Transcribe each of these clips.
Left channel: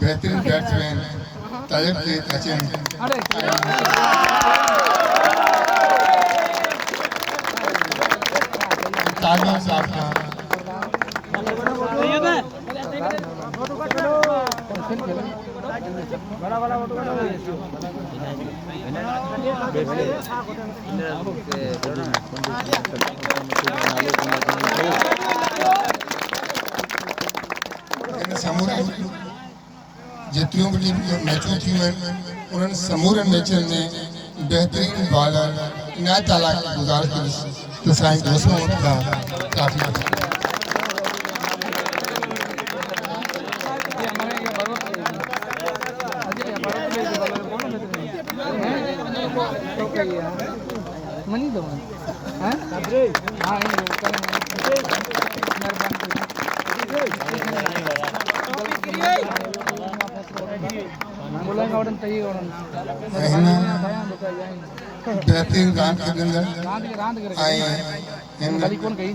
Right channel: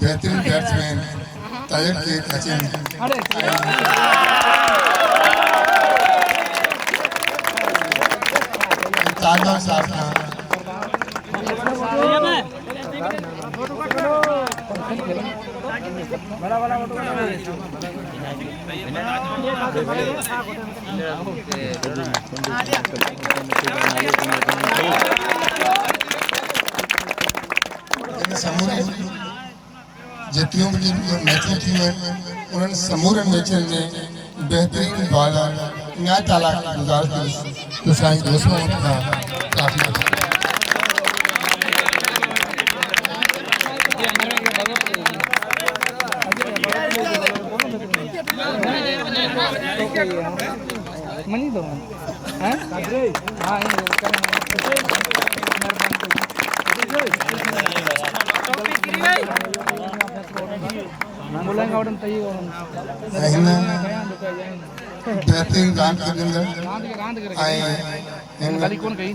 बेहतरीन बैट्समैन तैयब के सचिन ताजमहल साहब का जितनी भी मैचें थी उन्होंने समूरे मैचें में बेहतरीन बॉलर इनायत ताला की गुजारिश तो साईं दोस्तों का काफी मनी दो हाँ हाँ बेहतरीन रान बली कौन गई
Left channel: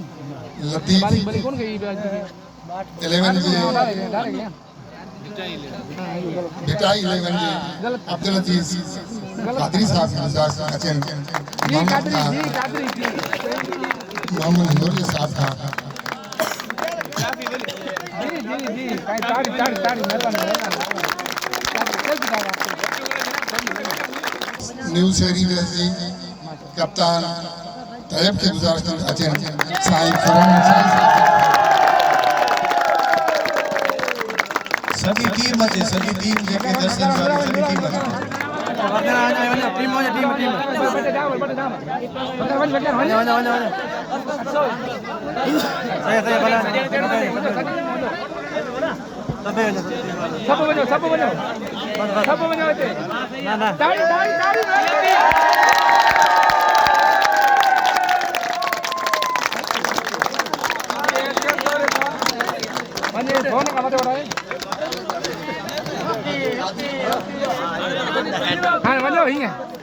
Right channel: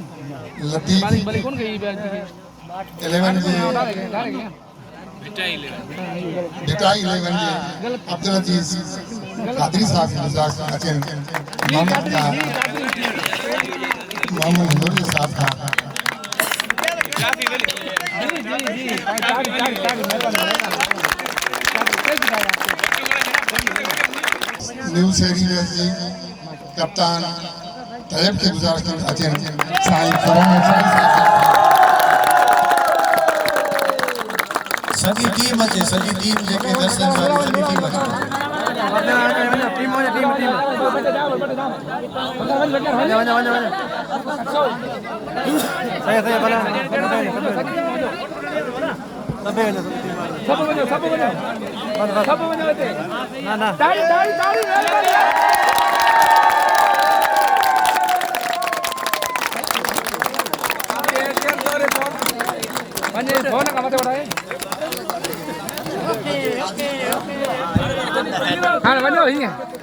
लतीफ बली कौन गई 11 जी बेटा 11 जी अब्दुल अजीज कादरी साहब की गुजारिश सचिन मोहम्मद नूरी साहब का न्यू सीरीज जी कप्तान तैयब के गुजारिश सचिन साईं सॼी टीम अचे सॼी टीम जेके दर्शक सॼी टीम अचे टीम हो टीम टीम सब ना ना फोन का मत बढ़ाए हाँ बनो ही है